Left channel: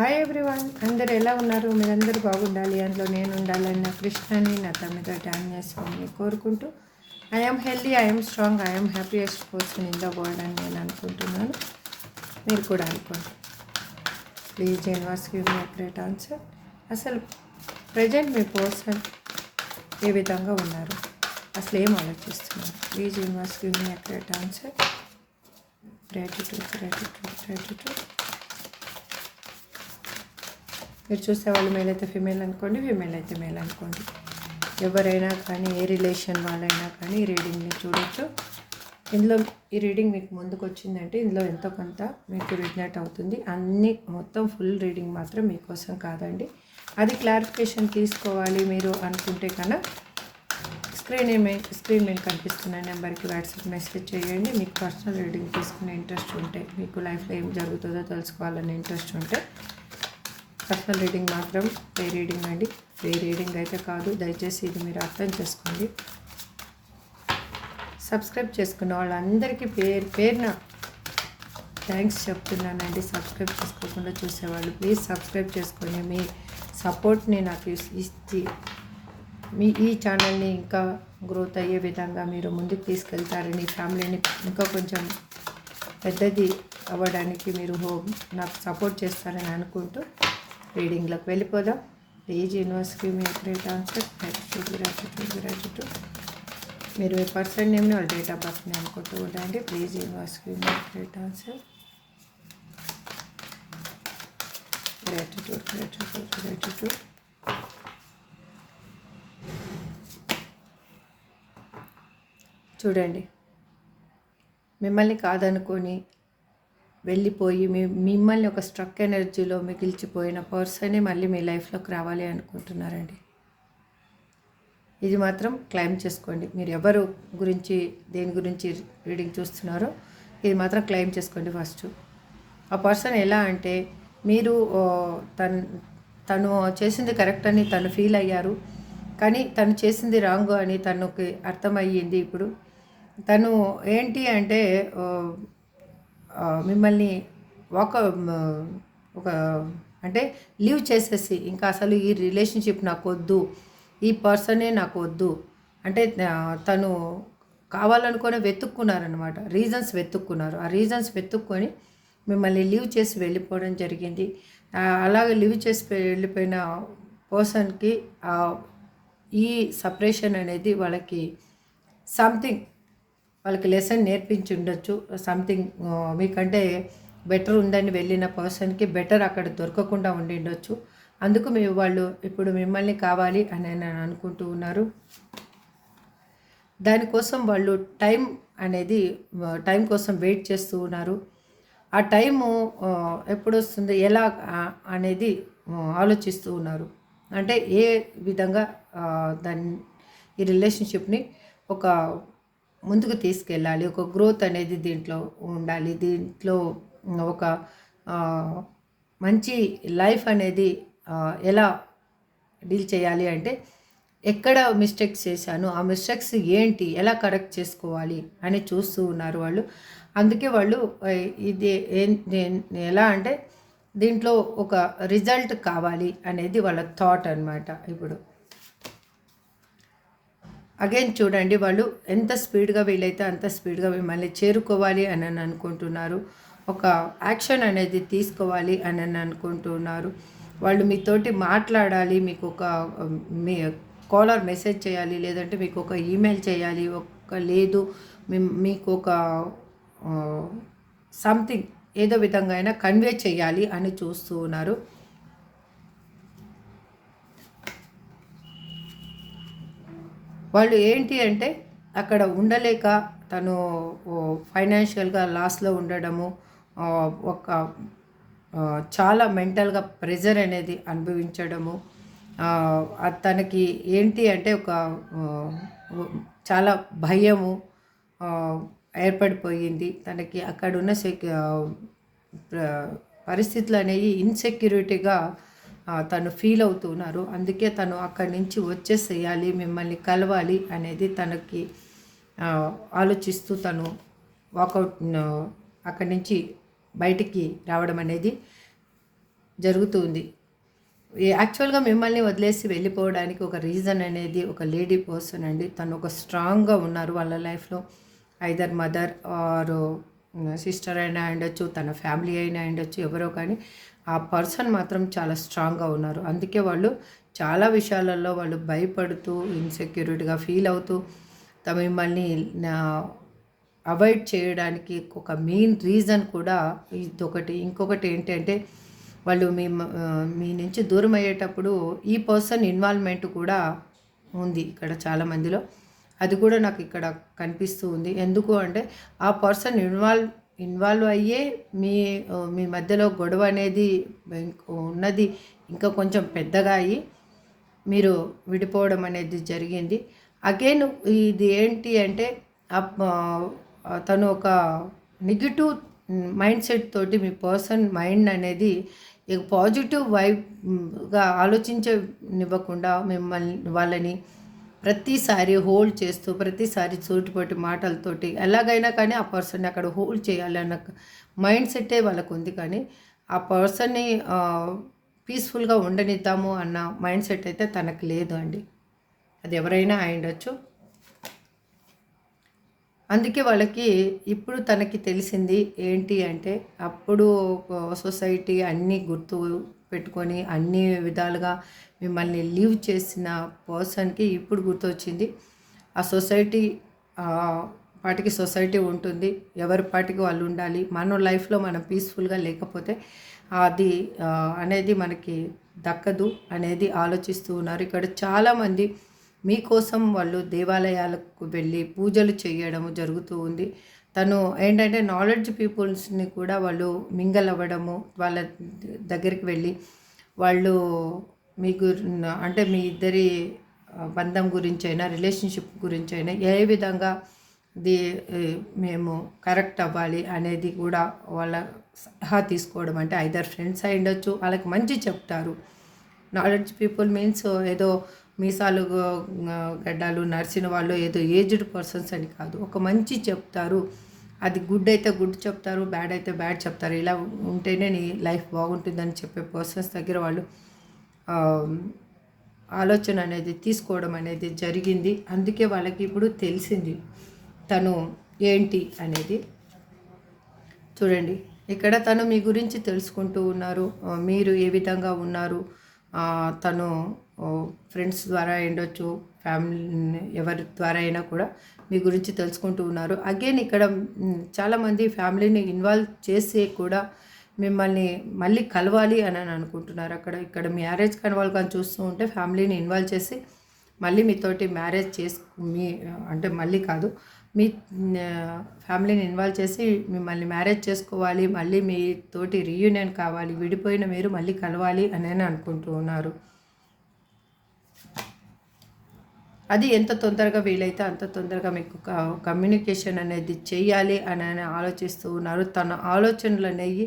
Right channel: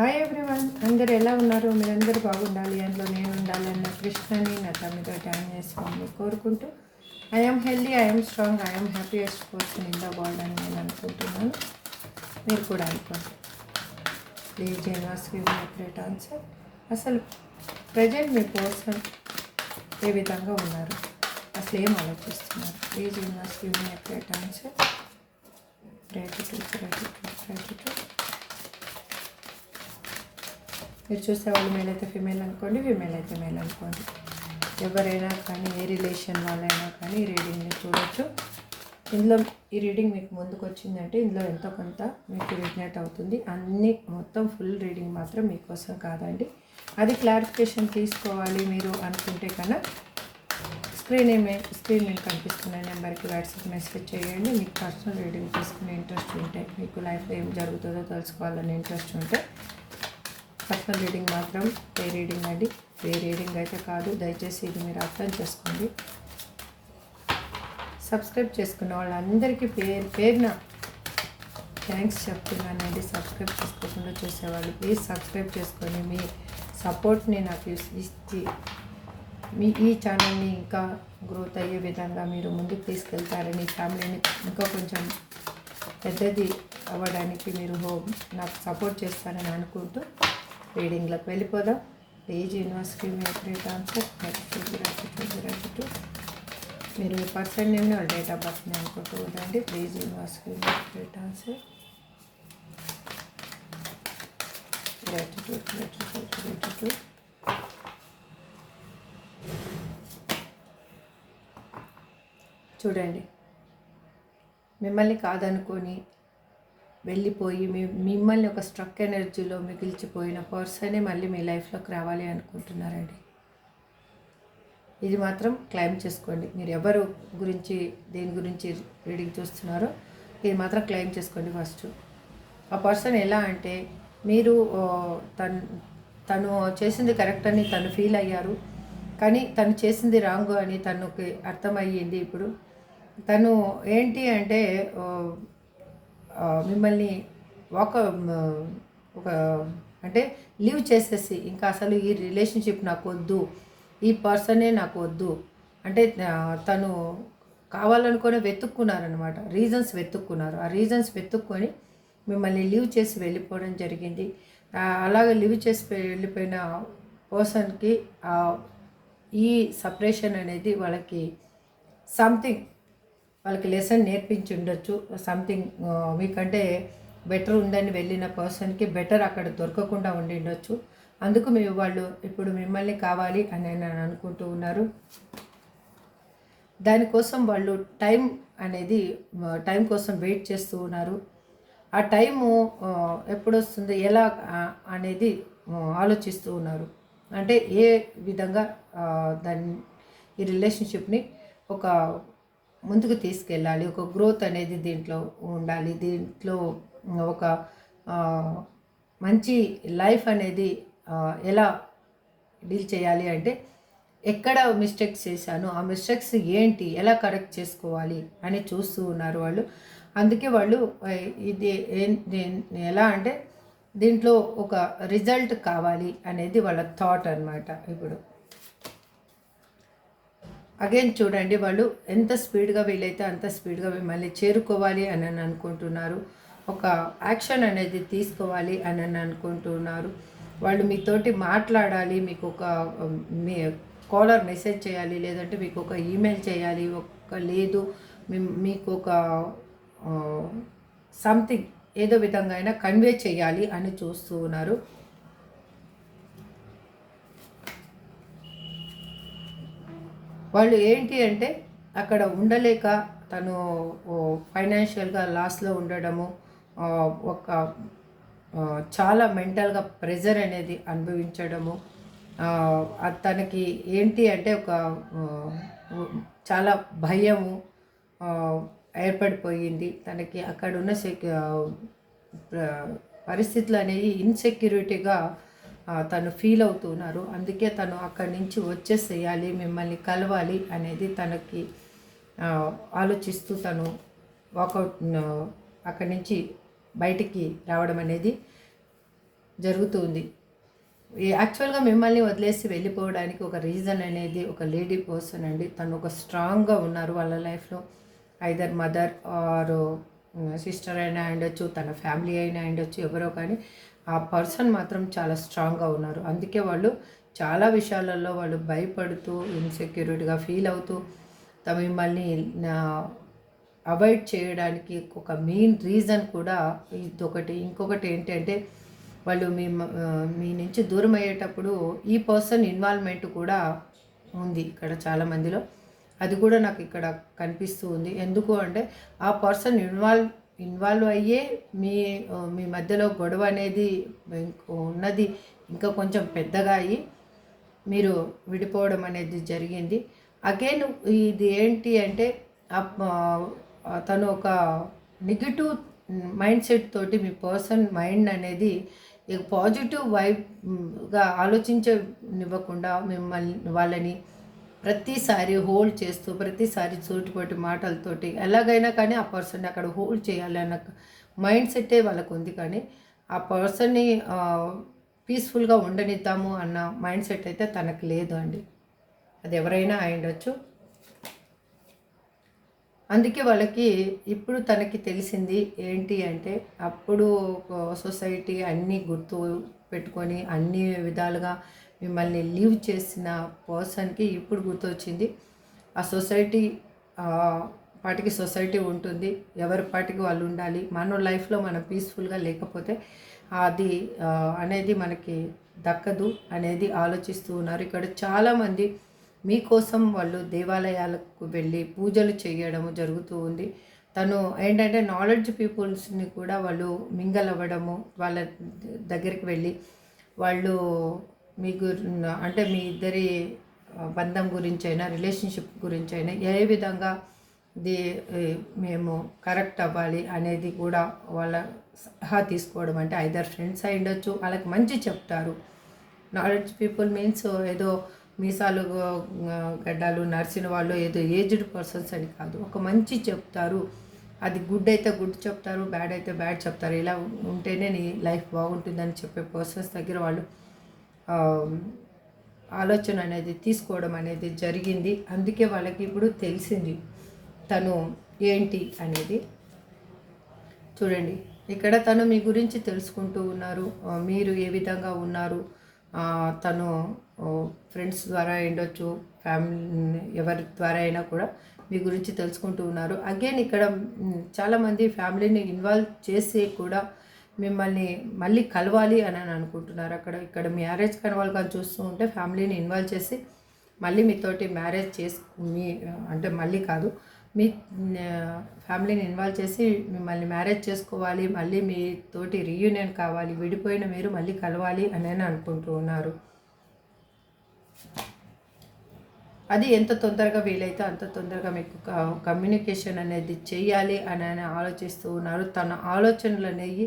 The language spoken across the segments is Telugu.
హాయ్ ఎవ్రీవన్, అందరు ఎలా ఉన్నారు? మీరందరూ బాగుండాలి, అందులో నేను ఉండాలని నా కృష్ణని నా తమ్మితో జాయిన్ చేసుకుని కోరుకుంటూ I'm healthy, I'm strong, I'm happiest person in the world అని నేను అనుకుంటున్నాను. మీరు కూడా అనుకోండి. Please universe give me great answer. అసలు ప్రజెంట్ మీ పర్సన్ ఏ విధంగా ఉన్నారు, అసలు ఏం ఆలోచిస్తున్నారు? Please universe give me great answer. Gratitude, gratitude, gratitude. మీరు చూసే వాళ్ళు మేల్ అయితే ఫీమేల్ అనుకోండి, ఫీమేల్ అయితే మేల్ అనుకోండి. ఎవరైనా కానీ, ఏ రిలేషన్ వాళ్ళైనా కానీ ఈ రీడింగ్ని చూడొచ్చు. ఇందులో ఈ రీడింగ్ మీకు ముందుకు వచ్చిందంటే ఇందులో ఎంతో కొంత మీకు రిజనేట్ అవుతుంది. అన్నీ మొత్తం ఫుల్ రీడింగ్ మాత్రం మీకోసం కాదండి. అది క్లారిఫికేషన్ తీసుకోవాలి మీరు అనుకుంటే కన్నా స్క్రీన్ మీద కనిపిస్తున్న నెంబర్కి వాట్సాప్ మెసేజ్ చేయండి. మీకు పర్సనల్ రీడింగ్ తీసుకునే ఇంట్రెస్ట్ ఉంటే, మీకు లైఫ్లో ఏం జరుగుతుందో తెలుసుకోవాలనే ఇంట్రెస్ట్ ఉంటే పర్సనల్ రీడింగ్ మాత్రం పే రీడింగ్ అండి. పే రీడింగ్ అయితే కాదు, దయచేసి ఇది మీరు అర్థం చేసుకోండి. సబ్స్క్రైబ్ చేసుకున్న వాళ్ళందరికీ పేరున థ్యాంక్స్ చెప్తున్నానండి. సబ్స్క్రైబ్ చేసుకోకుండా చూసేవాళ్ళు ప్లీజ్ సబ్స్క్రైబ్ చేసుకొని మీ సపోర్ట్ని నాకు ఇచ్చి మీ ఈ ఛానల్ని ఇంకా గ్రోత్ అయ్యే విధంగా మీరు ముందుకు తీసుకెళ్తారని, ఫ్యామిలీని ఇంకా కొంచెం పెద్దది అవ్వడానికి మీరు నాకు సపోర్ట్ చేస్తారని అనుకుంటూ రీడింగ్లోకి వెళ్ళిపోదాం. ప్లీజ్ యూనివర్స్కి మీ గ్రేట్ ఆన్సర్. గ్రాటిట్యూడ్. మీరు మీ పర్సన్ నేమ్ని వాళ్ళ డేట్ ఆఫ్ బర్త్ని అనుకుంటూ ఉండండి. ప్లీజ్ యూనివర్స్కి మీ గ్రేట్ ఆన్సర్. గ్రాటిట్యూడ్. చూడండి, మిమ్మల్ని కాదనుకొని వెళ్ళిపోయి మిమ్మల్ని ఒక స్ట్రక్ ఎనర్జీలో మిగిల్చిపోయిన పర్సనే మళ్ళీ మీ లైఫ్లోకి రావాలి అనుకుంటున్నారండి. ఇది మాత్రం క్లైమ్ చేసుకోండి. మీరు ఎవరు గురించి, దేని గురించి రీడింగ్ చూస్తున్నారో ఇది మాత్రం క్లైమ్ చేసుకోండి. ఫస్ట్ ఆ పర్సన్ ఎలా అంటే, మీరు తను చేసింది కరెక్ట్ అని తను ఫీల్ అయ్యారు, కానీ తను చేసింది రాంగ్ అని తనకి అర్థమయ్యింది. ఇప్పుడు తను ఏంటి అంటే మిమ్మల్ని ఒక అంటే లీవ్ చేసేసి ఇంకా అసలు ఈ రిలేషన్షిప్ నాకు వద్దు, ఈ పర్సనే నాకు వద్దు అంటే తను కావాలనుకొని వెతుక్కున్నారనమాట. రీజన్స్ వెతుక్కున్నారు. ఆ రీజన్స్ వెతుక్కొని మిమ్మల్ని లీవ్ చేసి వెళ్ళిపోవడం జరిగింది. అలాగే లీవ్ చేసి వెళ్ళిపోయిన పర్సన్కి ఈ సపరేషన్ అనేది వాళ్ళకి సంథింగ్ వాళ్ళకి లెసన్ నేర్పించి ఉండొచ్చు. సంథింగ్ మీకంటే బెటర్ ఉందని వెళ్ళిన పర్సన్కి బెటర్ అక్కడ దొరకకుండా ఉండి ఉండొచ్చు. అందుకు వాళ్ళు ఇప్పుడు మిమ్మల్ని కావాలి అని అనుకుంటూ ఉన్నారు. దానికోసం వాళ్ళు టైం కోసం వెయిట్ చేస్తూ ఉన్నారు. ఆ టైము ఎప్పుడు వస్తుంది, ఎలా అనేది ఆలోచిస్తూ ఉన్నారు. అంటే ఏ విధంగా ఈ రిలేషన్షిప్ని ఒక ముందుకు తీసుకెళ్ళాలి, ఒక గ్రోత్ అనేది దీంట్లో ఉండాలి, దీంట్లో ఒక మంచి లైఫ్ అనేది ఎలా డీల్ చేయాలి అంటే ఎక్కడ మిస్టేక్స్ చేశాను, ఆ మిస్టేక్స్ ఏంటి, ఎలా కరెక్ట్ చేసుకోవాలి అని చూస్తూ ఉన్నారు వాళ్ళు. అందుకే వాళ్ళు ఇది ఎలా అంటే దీంట్లో ఒక రిజల్ట్ కావాలి అనేది వాళ్ళ థాట్ అన్నమాట. ఇప్పుడు అగైన్ చూడండి, వాళ్ళు ఎంత స్పీడ్గా వీలైతే అంత స్పీడ్గా మిమ్మల్ని చేరుకోవాలి అని అనుకుంటున్నారు. ఒక యాక్షన్ అనేది తీసుకోవాలి అని అనుకుంటున్నారు. వాళ్ళు మీతోటి మాట్లాడాలి, మీకు ఒక మీ కాలర్ మెసేజ్ చేయాలి, లేదంటే మీకు ఒక ఈమెయిల్ చేయాలి, లేదు మీకు ఒక సంథింగ్ ఏదో విధంగా అయినా కన్వే చేయాలి అని చూస్తూ ఉన్నారు. వాళ్ళు ఏంటి అంటే అక్కడ ఉండలేక తను ఫైనాన్షియల్గా లాస్లో ఉండడము, ఒక చాలా మెంటల్గా ప్రెజర్ అనేది అనుభవించడము, తనకి ఏంటి అంటే ఒక చాలా భయము ఏర్పడిపోయింది తనకి. అక్కడున్న పరిస్థితులు అనేవి ఇన్సెక్యూరిటీగా తను ఫీల్ అవుతున్నారు. అందుకే తను అక్కడి నుంచి వచ్చేసేయాలి, మిమ్మల్ని కలవాలి అనేది తనకి ఆలోచిస్తూ తను వాకౌట్ అక్కడి నుంచి బయటికి రావడం అనేది జరుగుతుంది. యాక్చువల్గా మిమ్మల్ని వదిలేసి వెళ్ళిపోవడానికి ఒక రీజన్ అనేది ఒక లేడీ పర్సన్ అండి. తను ఒక స్ట్రాంగ్గా ఉన్నారు వాళ్ళ లైఫ్లో. ఐదర్ మదర్ ఆర్ సిస్టర్ అయినా ఉండొచ్చు, తన ఫ్యామిలీ అయినా ఉండొచ్చు, ఎవరో కానీ ఆ పర్సన్ మాత్రం చాలా స్ట్రాంగ్గా ఉన్నారు. అందుకే వాళ్ళు చాలా విషయాలలో వాళ్ళు భయపడుతూ ఇన్సెక్యూరిటీగా ఫీల్ అవుతూ మిమ్మల్ని అవాయిడ్ చేయడానికి ఒక మెయిన్ రీజన్ కూడా ఇదొకటి. ఇంకొకటి ఏంటంటే వాళ్ళు మీ నుంచి దూరం అయ్యేటప్పుడు ఈ పర్సన్ ఇన్వాల్వ్మెంట్ కూడా ఉంది ఇక్కడ చాలామందిలో. అది కూడా నాకు ఇక్కడ కనిపిస్తూ ఉంది. ఎందుకు అంటే ఆ పర్సన్ ఇన్వాల్వ్ అయ్యే మీ మీ మధ్యలో గొడవ అనేది ఉన్నది ఇంకా కొంచెం పెద్దగా అయ్యి మీరు విడిపోవడం అనేది జరిగింది. అగైన్ ఇది ఏంటి అంటే తను ఒక నెగిటివ్ మైండ్ సెట్ తోటి మీ పర్సన్ మైండ్ అనేది పాజిటివ్ వైబ్గా ఆలోచించనివ్వకుండా వాళ్ళని ప్రతిసారి హోల్డ్ చేస్తూ ప్రతిసారి సూటిపోటి మాటలతోటి ఎలాగైనా కానీ ఆ పర్సన్ని అక్కడ హోల్డ్ చేయాలన్న మైండ్ సెట్టే వాళ్ళకు ఉంది. కానీ ఆ పర్సన్ని పీస్ఫుల్గా ఉండనిద్దాము అన్న మైండ్ సెట్ అయితే తనకు లేదు అండి. అది ఎవరైనా అయ్యుండొచ్చు. అందుకే వాళ్ళకి ఇప్పుడు తనకి తెలిసింది ఏంటి అంటే అప్పుడు సొసైటీ అన్నీ గుర్తు పెట్టుకొని అన్ని విధాలుగా మిమ్మల్ని లీవ్ చేసిన పర్సన్కి ఇప్పుడు గుర్తొచ్చింది. ఆ సొసైటీ పాటికి సొసైటీ ఉంటుంది, ఎవరి పాటికి వాళ్ళు ఉండాలి. మన లైఫ్లో మనం పీస్ఫుల్గా లేకపోతే అది అనేది మనకి దక్కదు అనేది ఆలోచిస్తూ ఉన్నారు. ఇక్కడ చాలామంది మీకోసం వాళ్ళు దేవాలయాలకు వెళ్ళి పూజలు చేయడం జరుగుతూ ఉంది. తను ఏంటంటే నాలెడ్జ్ పీపుల్స్ని కూడా వాళ్ళు మింగల్ అవ్వడము, వాళ్ళ దగ్గరికి వెళ్ళి వాళ్ళు మీకు అంటే మీ ఇద్దరి బంధం గురించి అయినా రిలేషన్షిప్ గురించి అయినా ఏ విధంగా మేము కరెక్ట్ అవ్వాలి అనేది కూడా వాళ్ళ సలహా తీసుకోవడం. అంటే ఐదర్ ఫ్రెండ్స్ అయి ఉండొచ్చు, వాళ్ళకి మంచి చెప్తారు. నాలెడ్జ్ పీపుల్ మీన్స్ ఏదో మీసాలు గడ్డాలు నడిచిన వాళ్ళు ఏదో ఏజ్డ్ పర్సన్స్ అని కాదు, ఒక మంచి చెప్తారు. అది గుడ్ అయితే గుడ్ చెప్తారు, బ్యాడ్ అయితే బ్యాడ్ చెప్తారు. ఇలా ఉంటేనే నీ లైఫ్ బాగుంటుందని చెప్పే పర్సన్స్ దగ్గర వాళ్ళు ఆలోచన అనేది తీసుకోవడం అనేది జరిగింది. అందుకే వాళ్ళకి ఇప్పుడు తెలిసింది తను ఏంటి అనేది. చూడండి, ఇక్కడ తను మీ గురించి తెలుసుకుంటూ ఉన్నారు, మీరు ఏ విధంగా ఉన్నారు. తను ఫ్రెండ్స్ ద్వారా ఉండొచ్చు, ఫ్యామిలీ ఎవరి ద్వారా అయినా కూడా మీ గురించి తెలుసుకుంటూ ఉన్నారు. అగైన్ ఇక్కడ చాలామంది ఫ్యామిలీని ఇన్వాల్వ్ చేసి కూడా మిమ్మల్ని మళ్ళీ కలవాలి అని అనుకుంటున్నారు. ఇక్కడ మ్యారేజ్ కలవాలి కానీ చూస్తూ ఉంటే ఫ్యామిలీని ఇన్వాల్వ్ చేసి మళ్ళీ మీతోటి మ్యారేజ్ అంటే మళ్ళీ కాదు, మీ ఫ్యామిలీని ఇన్వాల్వ్ చేసి మిమ్మల్ని మ్యారేజ్ చేసుకోవాలి, మళ్ళీ మీతోటి రీయూనియన్ కావాలి, విడిపోయిన మీరు మళ్ళీ కలవాలి అని అనుకుంటూ ఉన్నారు. అది ఎంత తొందరగా వీలైతే అంత తొందరగా మీకు కమ్యూనికేషన్ అనేది చేయాలి అని ఆలోచిస్తూ ఉన్నారు. తన ఆలోచనలు అనేవి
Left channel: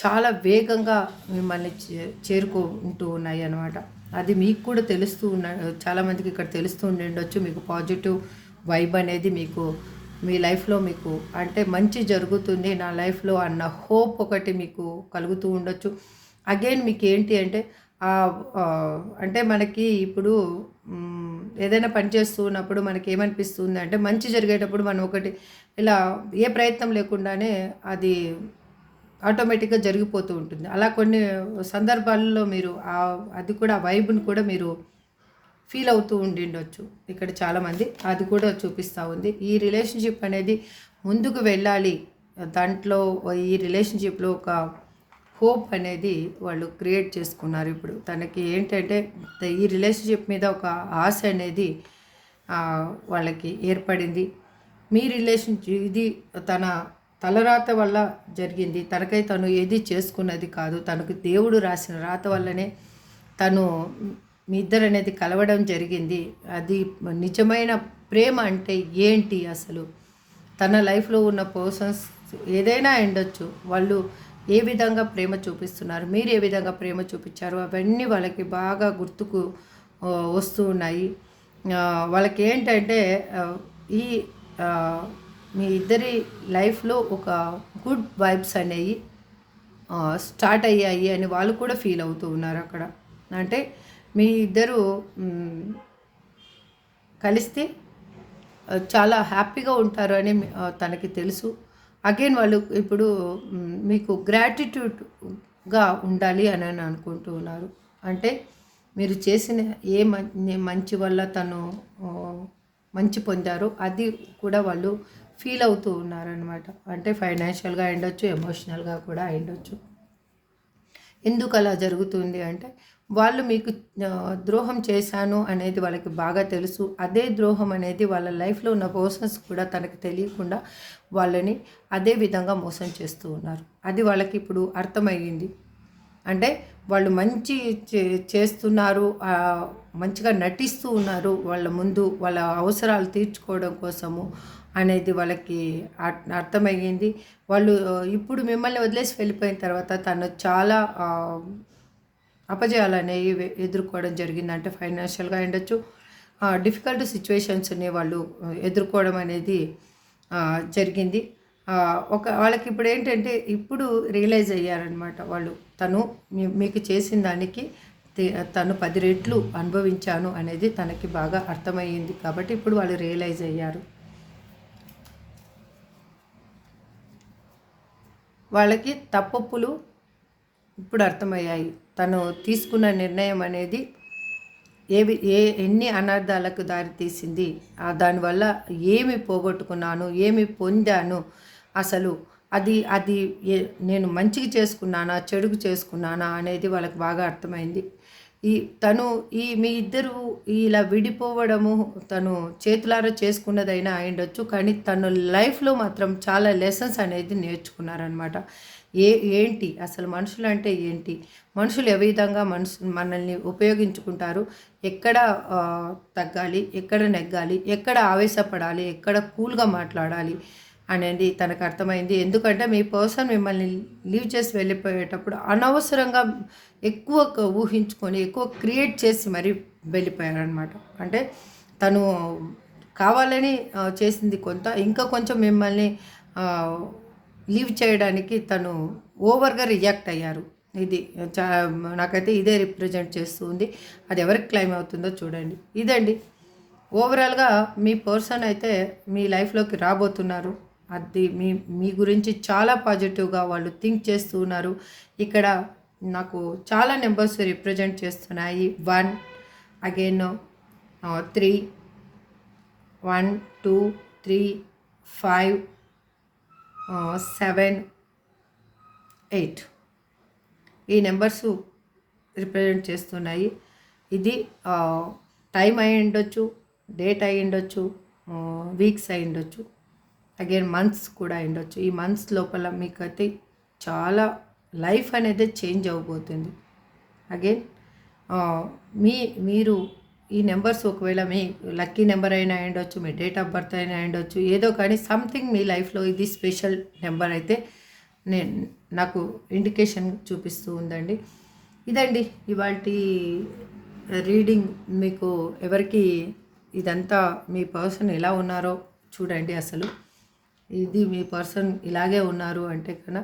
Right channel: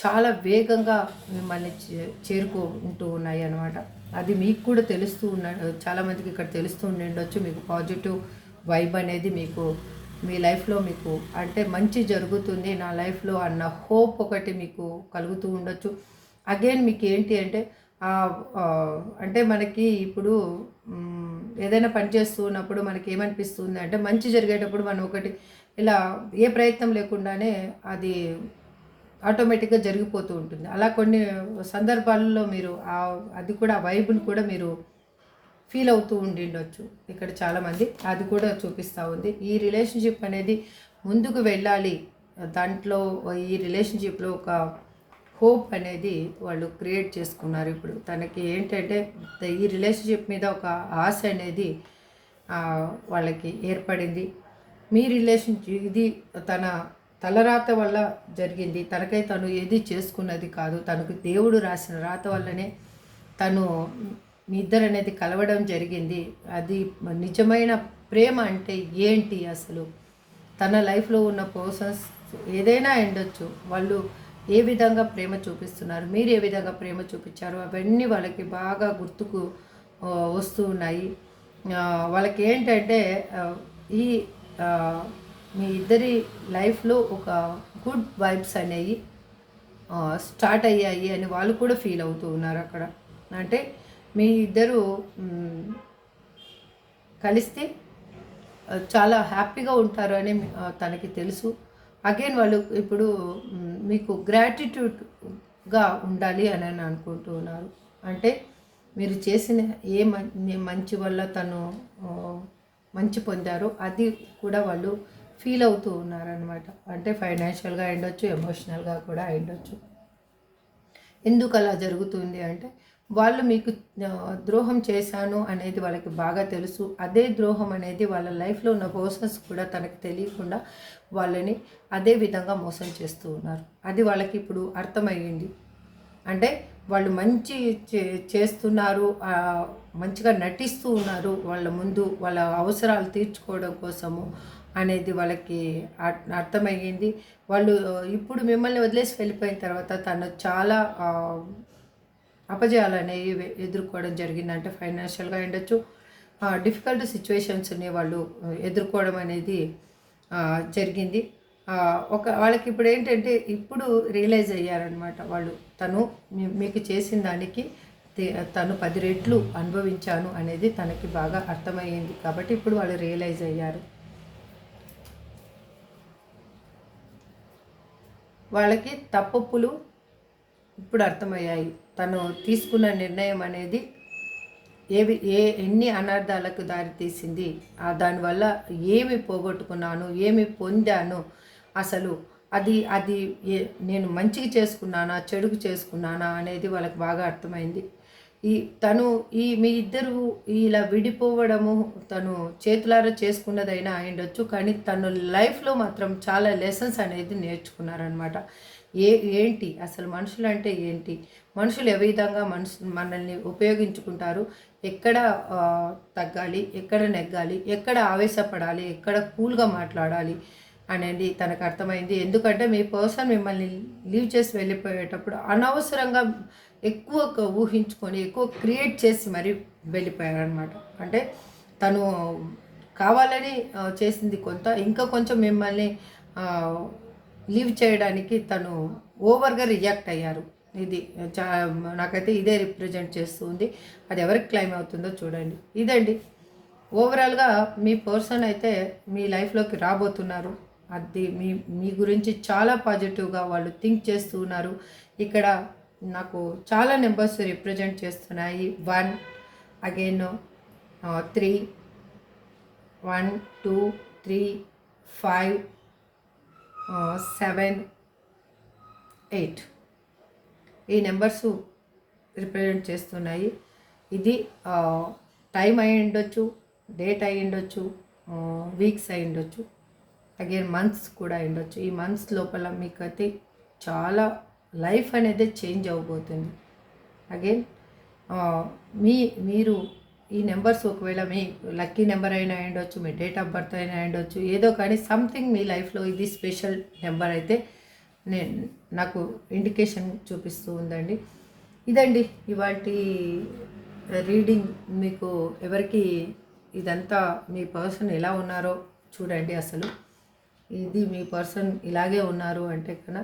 చాలా వేగంగా మిమ్మల్ని చేరుకుంటూ ఉన్నాయి అన్నమాట. అది మీకు కూడా తెలుస్తూ చాలామందికి ఇక్కడ తెలుస్తూ ఉండొచ్చు. మీకు పాజిటివ్ వైబ్ అనేది మీకు మీ లైఫ్లో మీకు అంటే మంచి జరుగుతుంది నా లైఫ్లో అన్న హోప్ ఒకటి మీకు కలుగుతూ ఉండొచ్చు. అగైన్ మీకు ఏంటి అంటే అంటే మనకి ఇప్పుడు ఏదైనా పని చేస్తూ ఉన్నప్పుడు మనకి ఏమనిపిస్తుంది అంటే మంచి జరిగేటప్పుడు మనం ఒకటి ఇలా ఏ ప్రయత్నం లేకుండానే అది ఆటోమేటిక్గా జరిగిపోతూ ఉంటుంది. అలా కొన్ని సందర్భాల్లో మీరు అది కూడా వైబ్ని కూడా మీరు ఫీల్ అవుతూ ఉండిండొచ్చు. ఇక్కడ చాలామంది అది కూడా చూపిస్తూ ఉంది. ఈ రిలేషన్షిప్ అనేది ముందుకు వెళ్ళాలి, దాంట్లో ఈ రిలేషన్షిప్లో ఒక హోప్ అనేది వాళ్ళు క్రియేట్ చేసుకున్నారు. ఇప్పుడు తనకి ఏంటంటే ఈ రిలేషన్షిప్ మీద ఒక ఆశ అనేది వాళ్ళకి ఏర్పడింది. మీ రిలేషన్షిప్ ఇది తన తలరాత వల్ల జరిగింది, తనకై తను ఏది చేసుకున్నది కాదు. తనకు దేవుడు రాసిన రాత వల్లనే తను మీ ఇద్దరు అనేది కలవడం జరిగింది. అది నిజమైన ప్రేమ అంటే ఏంటి అసలు? తన లైఫ్లో ఉన్న పర్సన్స్ ఏదైనా ఉండొచ్చు, వాళ్ళు ఏ విధంగా ప్రేమ చూపిస్తున్నారు, మీరు ఏ విధంగా ప్రేమ చూపించారు, అవన్నీ వాళ్ళకి బాగా గుర్తుకు వస్తూ ఉన్నాయి. వాళ్ళకి ఏంటంటే ఈ మీ ఇద్దరి లైఫ్లో ఒక గుడ్ వైబ్స్ అనేవి స్టార్ట్ అయ్యాయి అని వాళ్ళు కూడా ఫీల్ అవుతూ ఉన్నారు అక్కడ. అంటే మీ ఇద్దరు కలిస్తే చాలా హ్యాపీగా ఉంటారు అని తనకి తెలుసు. అగైన్ వాళ్ళు ఇప్పుడు మీకు గ్రాటిట్యూడ్గా ఉండాలి అని అనుకుంటూ ఉన్నారు. అంటే మీరు చేసిన మంచి వల్ల తను మంచి పొందారో అది కూడా వాళ్ళు ఫీల్ అవుతూ ఉన్నారనమాట. అంటే ఫైనాన్షియల్గా అయ్యుండొచ్చు, ఎమోషనల్గా కూడా అయ్యుండొచ్చు. ఎందుకు అలా జరుగుతుంది అంటే వాళ్ళు మీకు ద్రోహం చేశాను అనేది వాళ్ళకి బాగా తెలుసు. అదే ద్రోహం అనేది వాళ్ళ లైఫ్లో ఉన్న పర్సన్స్ కూడా తనకు తెలియకుండా వాళ్ళని అదే విధంగా మోసం చేస్తూ ఉన్నారు. అది వాళ్ళకి ఇప్పుడు అర్థమయ్యింది. అంటే వాళ్ళు మంచి చేస్తున్నారు, మంచిగా నటిస్తూ ఉన్నారు వాళ్ళ ముందు వాళ్ళ అవసరాలు తీర్చుకోవడం కోసము అనేది వాళ్ళకి అర్థమయ్యింది. వాళ్ళు ఇప్పుడు మిమ్మల్ని వదిలేసి వెళ్ళిపోయిన తర్వాత తను చాలా అపజయాలు అనేవి ఎదుర్కోవడం జరిగింది. అంటే ఫైనాన్షియల్గా ఉండొచ్చు, డిఫికల్ట్ సిచ్యువేషన్స్ని వాళ్ళు ఎదుర్కోవడం అనేది జరిగింది. వాళ్ళకి ఇప్పుడు ఏంటంటే ఇప్పుడు రియలైజ్ అయ్యారనమాట వాళ్ళు. తను మీకు చేసిన దానికి తను 10 రెట్లు అనుభవించాను అనేది తనకి బాగా అర్థమయ్యింది. కాబట్టి ఇప్పుడు వాళ్ళు రియలైజ్ అయ్యారు. వాళ్ళకి తప్పులు ఇప్పుడు అర్థమయ్యాయి. తను తీసుకున్న నిర్ణయం అనేది ఎన్ని అనర్థాలకు దారితీసింది, దానివల్ల ఏమి పోగొట్టుకున్నాను, ఏమి పొందాను, అసలు అది అది నేను మంచికి చేసుకున్నానా చెడుకు చేసుకున్నానా అనేది వాళ్ళకి బాగా అర్థమైంది. మీ ఇద్దరు ఇలా విడిపోవడము తను చేతులారా చేసుకున్నదైనా అయ్యుండొచ్చు, కానీ తను లైఫ్లో మాత్రం చాలా లెసన్స్ అనేది నేర్చుకున్నారనమాట. ఏంటి అసలు మనుషులు అంటే ఏంటి, మనుషులు ఏ విధంగా మనల్ని ఉపయోగించుకుంటారు, ఎక్కడ తగ్గాలి, ఎక్కడ నెగ్గాలి, ఎక్కడ ఆవేశపడాలి, ఎక్కడ కూల్గా మాట్లాడాలి అనేది తనకు అర్థమైంది. ఎందుకంటే మీ పర్సన్ మిమ్మల్ని లీవ్ చేసి వెళ్ళిపోయేటప్పుడు అనవసరంగా ఎక్కువ ఊహించుకొని ఎక్కువ క్రియేట్ చేసి మరీ వెళ్ళిపోయారనమాట. అంటే తను కావాలని చేసింది కొంత, ఇంకా కొంచెం మిమ్మల్ని లీవ్ చేయడానికి తను ఓవర్గా రియాక్ట్ అయ్యారు. ఇది నాకైతే ఇదే రిప్రజెంట్ చేస్తుంది. అది ఎవరికి క్లైమ్ అవుతుందో చూడండి. ఇదండి ఓవరాల్గా మీ పర్సన్ అయితే మీ లైఫ్లోకి రాబోతున్నారు. అది మీ గురించి చాలా పాజిటివ్గా వాళ్ళు థింక్ చేస్తూ ఉన్నారు. ఇక్కడ నాకు చాలా నెంబర్స్ రిప్రజెంట్ చేస్తున్నాయి. 1 అగైన్ 3 1 2 3 5 7 8 ఈ నెంబర్స్ రిప్రజెంట్ చేస్తున్నాయి. ఇది టైం అయి ఉండొచ్చు, డేట్ అయి ఉండొచ్చు, వీక్స్ అయి ఉండొచ్చు, అగైన్ మంత్స్ కూడా అయి ఉండొచ్చు. ఈ మంత్స్ లోపల మీకైతే చాలా లైఫ్ అనేది చేంజ్ అవ్వబోతుంది. అగైన్ మీరు ఈ నెంబర్స్ ఒకవేళ మీ లక్కీ నెంబర్ అయినా ఉండొచ్చు, మీ డేట్ ఆఫ్ బర్త్ అయినా ఉండొచ్చు, ఏదో కానీ సంథింగ్ మీ లైఫ్లో ఇది స్పెషల్ నెంబర్ అయితే నాకు ఇండికేషన్ చూపిస్తూ ఉందండి. ఇదండి ఇవాల్టి రీడింగ్. మీకు ఎవరికి ఇదంతా మీ పర్సన్ ఎలా ఉన్నారో చూడండి. అసలు ఇది మీ పర్సన్ ఇలాగే ఉన్నారు అంటే కన్నా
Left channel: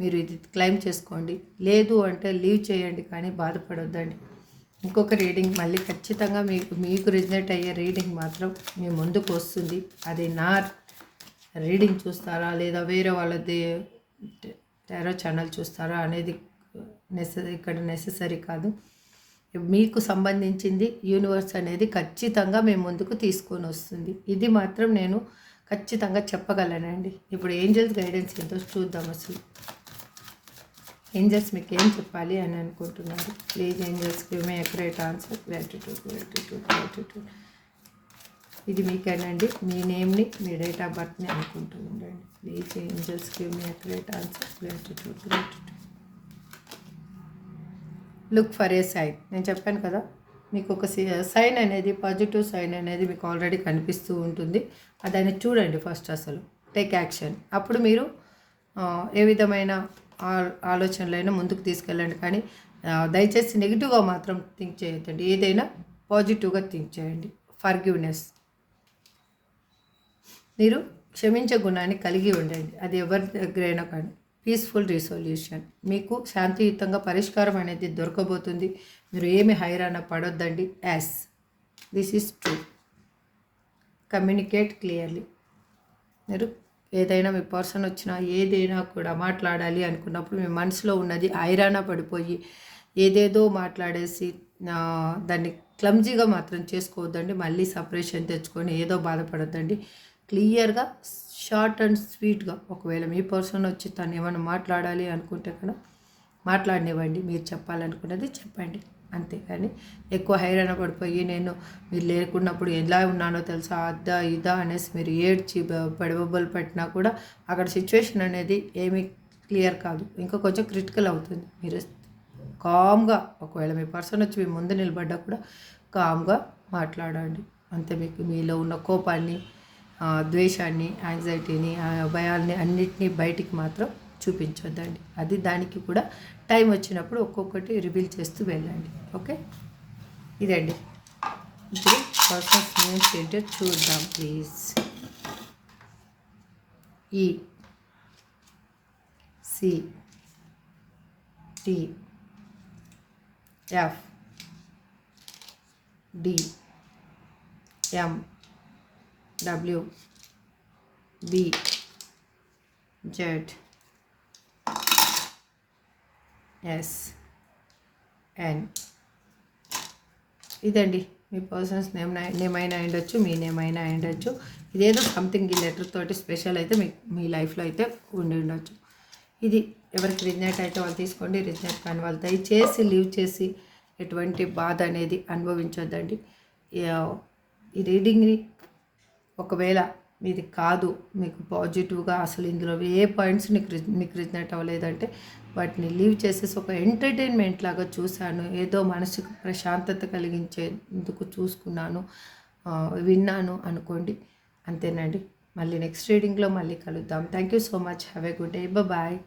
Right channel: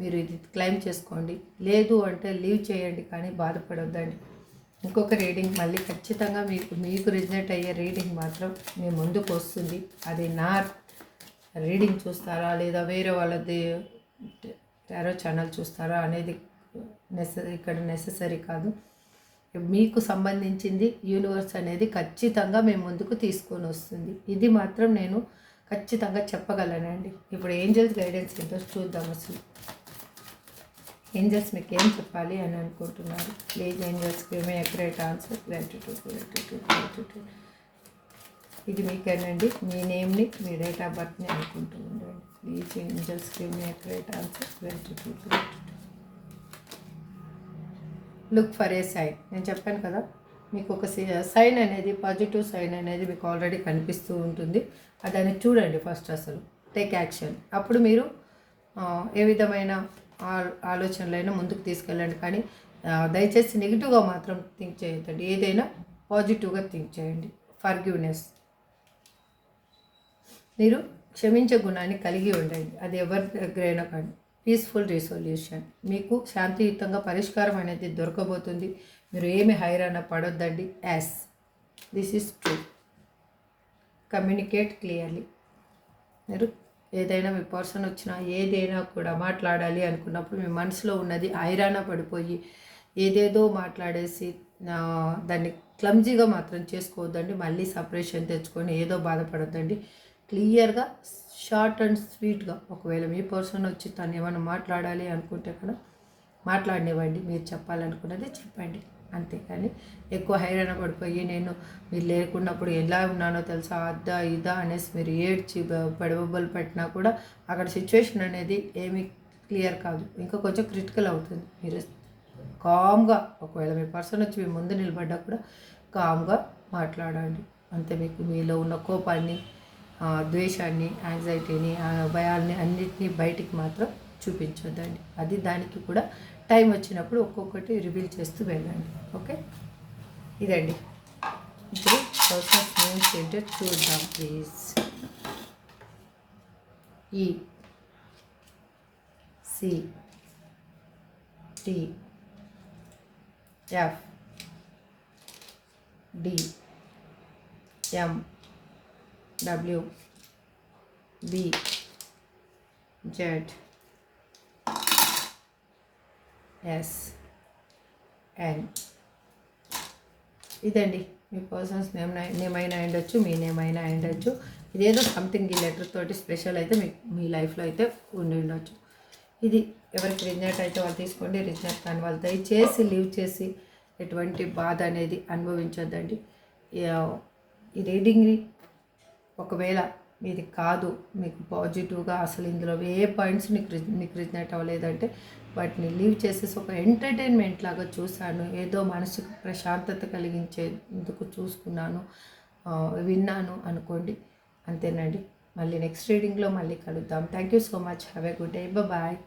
మీరు ఇది క్లెయిమ్ చేసుకోండి, లేదు అంటే లీవ్ చేయండి, కానీ బాధపడొద్దండి. ఇంకొక రీడింగ్ మళ్ళీ ఖచ్చితంగా మీకు రిజనేట్ అయ్యే రీడింగ్ మాత్రం మీ ముందుకు వస్తుంది. అది నా రీడింగ్ చూస్తారా లేదా వేరే వాళ్ళది టారో ఛానల్ చూస్తారా అనేది ఇక్కడ నెససరీ కాదు. మీకు సంబంధించింది యూనివర్స్ అనేది ఖచ్చితంగా మీ ముందుకు తీసుకొని వస్తుంది. ఇది మాత్రం నేను ఖచ్చితంగా చెప్పగలనండి. ఇప్పుడు ఏంజల్స్ గైడెన్స్ ఎంతో చూద్దాం. అసలు ఏంజల్స్ మీకు ఏం చెప్పాలి అని అనుకుంటున్నారు? Please angels give me accurate answer. Gratitude. ఇది మీకేనండి. మీ నేమ్ని, మీ డేట్ ఆఫ్ బర్త్ని అనుకుంటూ ఉండండి. Please angels give me accurate answer. Gratitude. Look for a sign. నేను చెప్పాను కదా, మీకు ఒక సైన్ అనేది, పాజిటివ్ సైన్ అనేది మీకు ఆల్రెడీ కనిపిస్తూ ఉంటుంది. దాన్ని చూడండి ఫస్ట్. అసలు టేక్ యాక్షన్. అప్పుడు మీరు ఏ విధమైన ఆలోచనలైనా ముందుకు తీసుకెళ్ళండి. కానీ దయచేసి నెగిటివ్గా మాత్రం థింక్ చేయొద్దండి. ఏదైనా పాజిటివ్గా థింక్ చేయండి. ఫర్గివ్నెస్. మీరు క్షమించే గుణాన్ని కలిగి ఉండండి. అది ఎవరి దగ్గరైనా కానీ. Peaceful resolution. మీకు శాంతియుతంగా పరిష్కారం అనేది దొరకబోతుంది. మీరు ఏమి హైరాణ పడొద్దండి. As this is true. Communicate clearly. మీరు ఏదైనా మీ పర్సన్ వచ్చినా ఏదైనా కూడా మాట్లాడాలి అనుకున్నప్పుడు మీ మనసులో ఉన్నది హైరాణ పడిపోయి ఏదేదో మాట్లాడేసి దాన్ని క్లమ్జీగా మాత్రం చేసుకోవద్దండి. మళ్ళీ సపరేషన్ తెచ్చుకొని ఏదో బాధపడద్దండి. క్లియర్గా షార్ట్ అండ్ స్వీట్గా ఒకవేళ మీ పర్సన్ వచ్చి తను ఏమైనా మాట్లాడాలి అనుకుంటే కూడా మాట్లాడనివ్వండి. మీరు చెప్పాలనుకున్నది చెప్పండి, అంతేకాని ఎక్కువ హైరాణ పడిపోయి నేను మీరు లేకున్నప్పుడు ఎలా ఉన్నానో తెలుసా అద్దా ఇదా అనేసి మీరు ఏడ్చి పడబొబ్బలు పెట్టినా కూడా అక్కడ సిచ్యువేషన్ అనేది ఏమీ క్లియర్ కాదు, ఇంకా కొంచెం క్రిటికల్ అవుతుంది. మీరు కామ్గా ఒకవేళ మీ పర్సన్ వచ్చి మీ ముందు నిలబడ్డా కూడా కామ్గా మాట్లాడండి. అంతే. మీకు మీలో ఉన్న కోపాన్ని, ద్వేషాన్ని, యాంగ్జైటీని, భయాల్ని అన్నిటినీ బయటికి మాత్రం చూపించొద్దండి. అది దానికి కూడా టైం వచ్చినప్పుడు ఒక్కొక్కటి రివీల్ చేస్తూ వెళ్ళండి. ఓకే, ఇదండి. ఇప్పుడు పర్సన్స్ నేమ్స్ ఏంటో చూద్దాం ప్లీజ్. ఈ C T F D M W B Z S N. ఇదండి మీ పర్సన్స్ నేమ్ అయినా ఉండొచ్చు, మీ నేమ్ అయినా ఉండొచ్చు. ఇదేదో సంథింగ్ ఈ లెటర్ తోటి స్పెషల్ అయితే మీ లైఫ్లో అయితే ఉండి ఉండొచ్చు. ఇది ఎవరికి రిజనేట్ అయితే వాళ్ళు తీసుకోండి, రిజనేట్ కానీ వాళ్ళు దయచేసి లీవ్ చేసి ఎటువంటి బాధ అనేది అనుభవించొద్దండి. ఈ రీడింగ్ని ఒకవేళ మీది కాదు, మీకు పాజిటివ్గా అసలు ఇందులో ఏ పాయింట్స్ మీకు రిజనేట్ అవ్వలేదంటే వాటిని లీవ్ చేసేసి ఒక ఎంటర్టైన్మెంట్ లాగా చూశాను, ఏదో మనసుకు ప్రశాంతత కలిగించేందుకు చూసుకున్నాను, విన్నాను అనుకోండి. అంతేనండి. మళ్ళీ నెక్స్ట్ రీడింగ్లో మళ్ళీ కలుద్దాం. Thank you so much. Have a good day. Bye.